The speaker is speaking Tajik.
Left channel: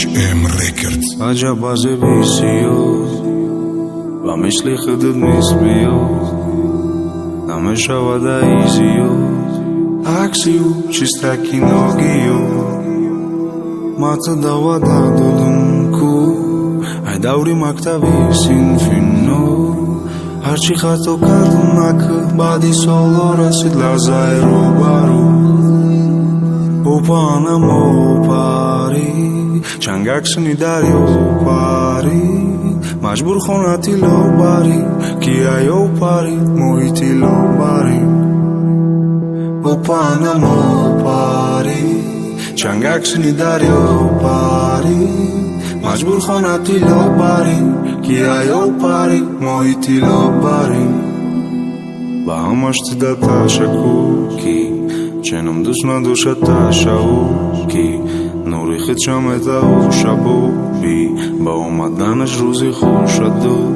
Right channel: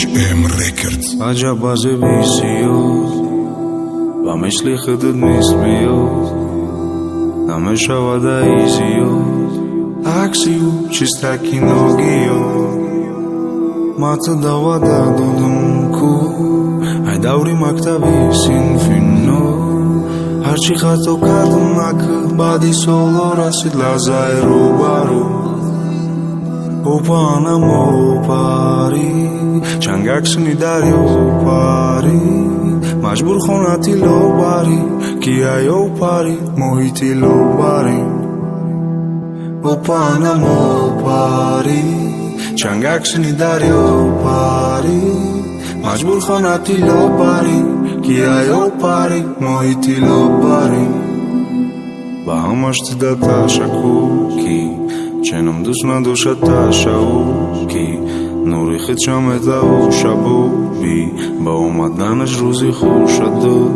HM Records. Ajabaze visio, vameshli khudud misbio, nameshava da izio, aksiu chistaki nogio, mata davada dodunku, ai dauri maktavi sinfino, harchi khato kadunak badi solora sidlazairu baru. Opana mopari, changaksni dario pari, majbur khonati lo bari, kiayo pari, mohiti lo bari. Opana mopari, changaksni dario pari, majbur khonati lo bari, kiayo pari, mohiti lo bari. Bahamash data shakuki. Čenom dušna duša taša uki Nuri hit šameta u šabubi Ba oma danas žruzi huša do